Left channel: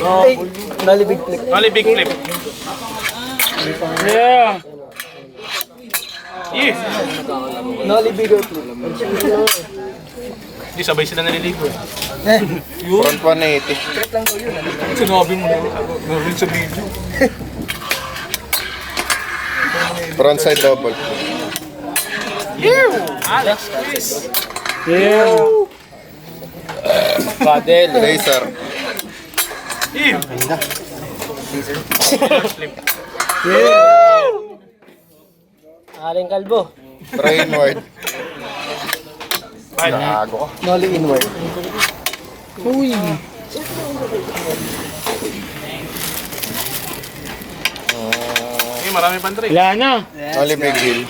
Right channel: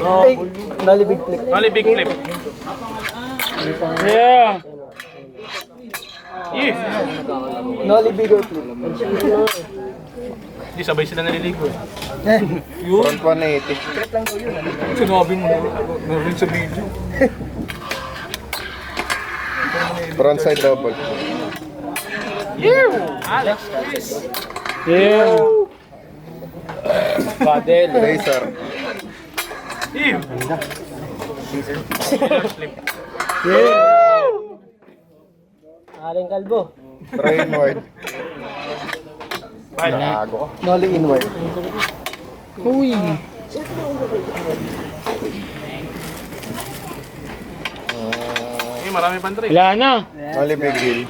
Ay, nali big flip. Only big flip. Yeah. Yeah. Nali bigger flip. Hindi sabay sila naliligo eh. Front 180. Sinabi mo na. Narin sa video. Front side double. Alex, Chris. Yeah. Padel. Laser. Yeah. Flip. Aling kalbo. Try inward. Five. Gago ka. Nali inward. Uy. Eh, marami pang trick. Wala na. Only big hill.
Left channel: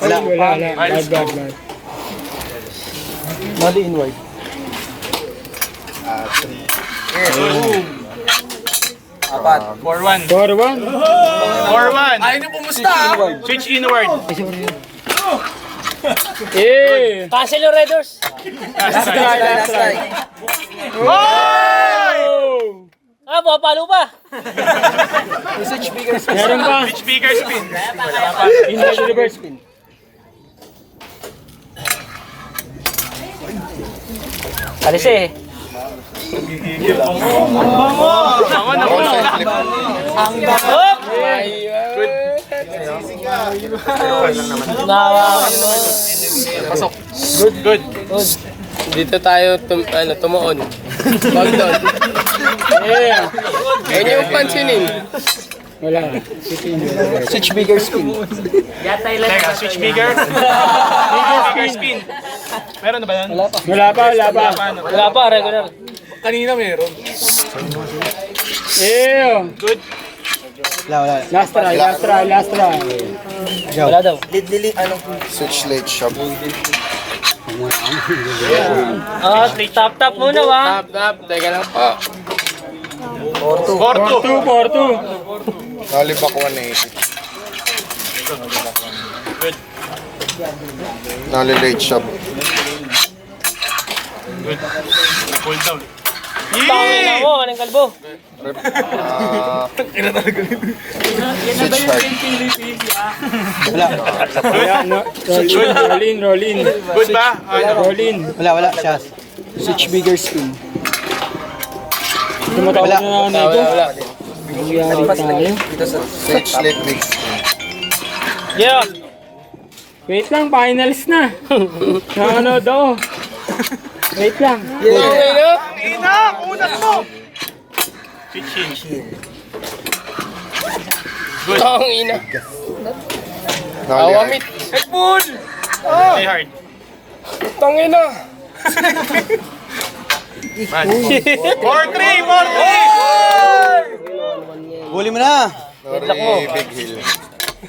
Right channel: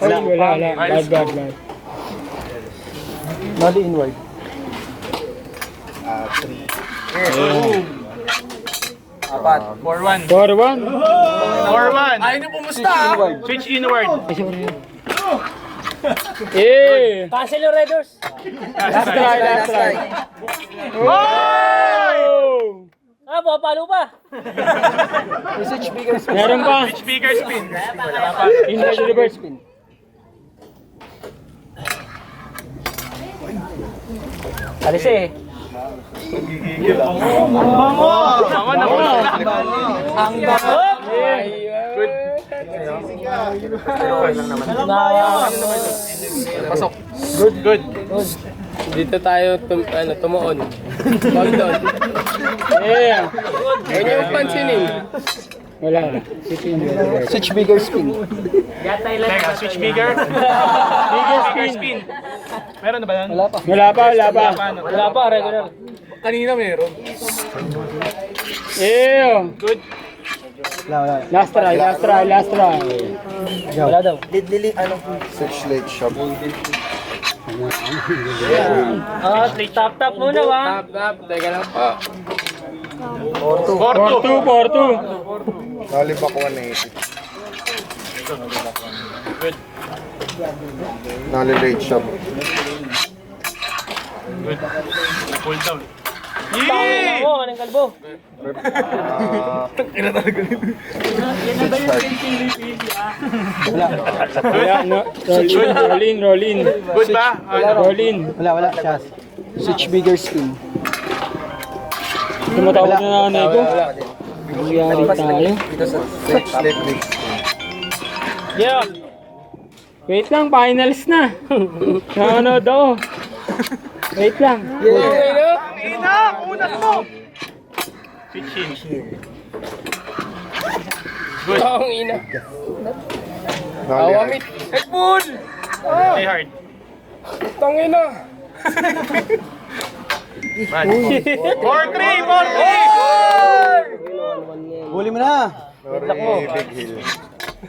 Wala. Bad. Nali inward. Apat. 4-1. 4-1. 4-1. Ay, na pumusta! Switch inward. Eh. Cancel yung Raiders. Last try. Last try. Oh! Ah, papalo pa. Message bigger spin. Meron pa. Switch bigger spin. Inward reverse. Alis eh. Tama na Front ulo. side flip. Pasok. Good. Dito tayo tumuon. Wag doon. Yeah. Ayun yung pansinin. Wala. Switch. Switch bigger spin. Teka, switch bigger. Bigger spin. Meron na ba yan? Wala pa. Wala pa, regular. Kanina meron. Yeah. Good. Last try. Wala daw. Switch late shop. Ah, tap muna wa. Tap. Teka lang po. 4-2. 4-2. Only back 180. Good. Only late shop. Good. Pull down. Tangina Yee! mo, anong kalbo? Switch hard. Wala. No. Roll in. Good ba? Ano? Roll in. Wala, siya. Switch bigger spin. Tumatawag na nego. Nangyari tayo. Switch late big spin. Yeah. Wait lang, finals na. Nanonood ako. Wait lang. Ina! Unat mo! Switch in. Good. Ang ina. Only hard. Awamit. Headbull! Stay hard. Tangina. 4-3! Huli mo na. Only big hill.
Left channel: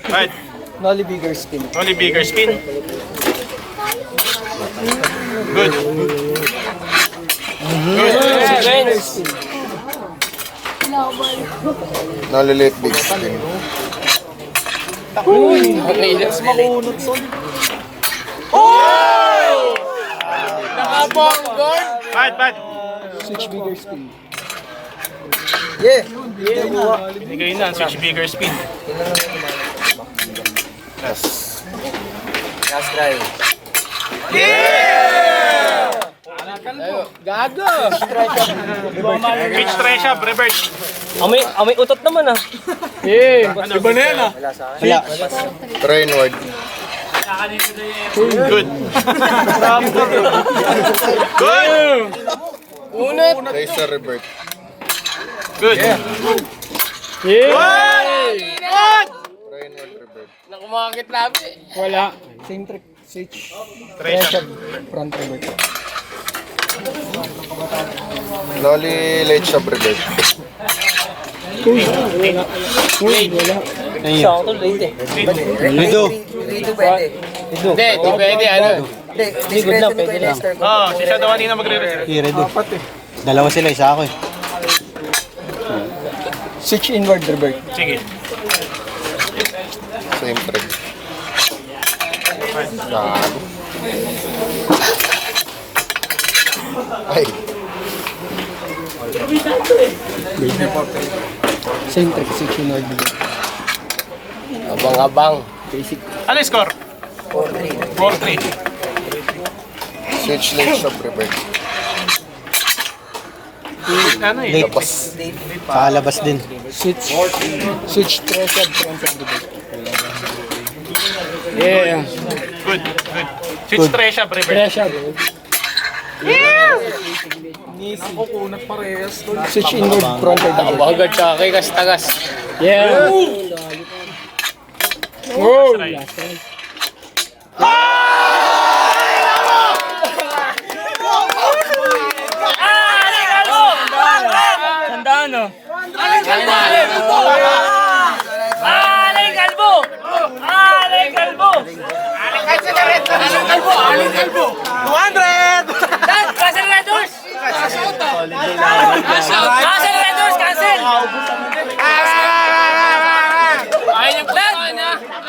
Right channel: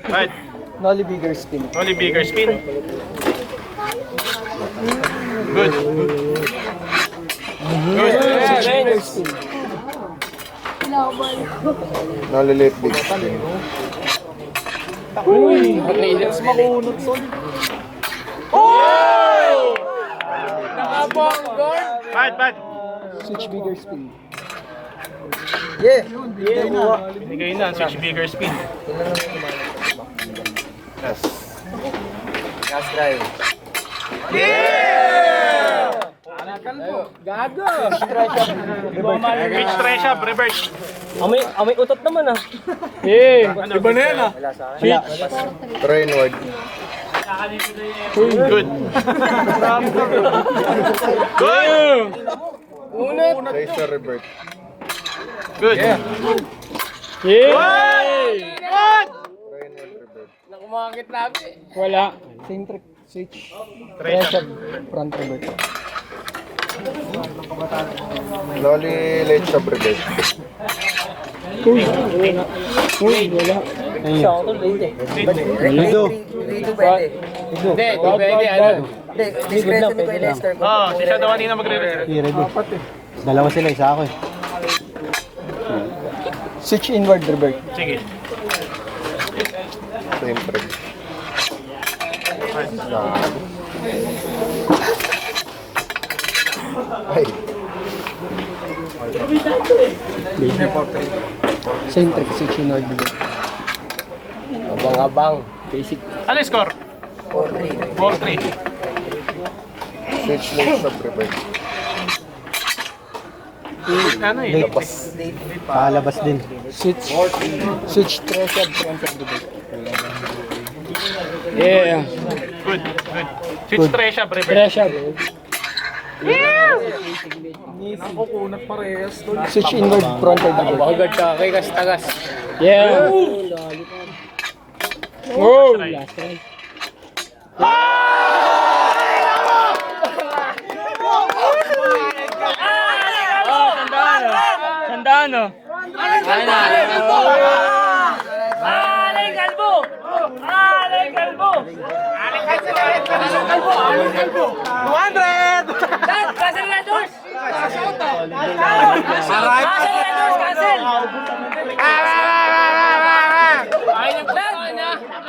Right. Noli bigger spin. Only bigger spin. Good. Bigger spin. Only late big spin. Ang ina. Nakabonggol. Bad. Switch bigger spin. Binigay na ang switch bigger spin. Yes. Gago. Pitch try siya, reverse. Amoy utot naman ah. Eh. Iba na yan ah. Try inward. Good. Good. Unat. Laser revert. Good. Yeah. Good. Try inward revert. Nakumakit labi. Wala. Same trick. Switch. Try siya. Front revert. Only late shop revert. Uy, wala. Siya ako to late eh. Lido. Hindi, di pwede. Ano? Hindi good na, pwede lang. Oh, si Shadow kanina magre-reserve. Redo. Dalawa sila, isa ako eh. Switch inward revert. Sige. Same trick. Gago. Ay. Centric section Nord Brigade. Abang-abang. Ano yung score? 4-3. Switch late shop revert. Ano eh? Kalabas din. Switch treasure transfer Brigade. Yeah. Good. Switch Tresha, Brever. Treasure. Switch inward frontal Brigade. Abagad siya kay Kastagas. Yeah. Oh, Try. last try. Tandaan, no? Aling Kalbo! Aling Kalbo! Aling Kalbo! 200! Cancel Red Horse! Cancel Red Horse! Cancel!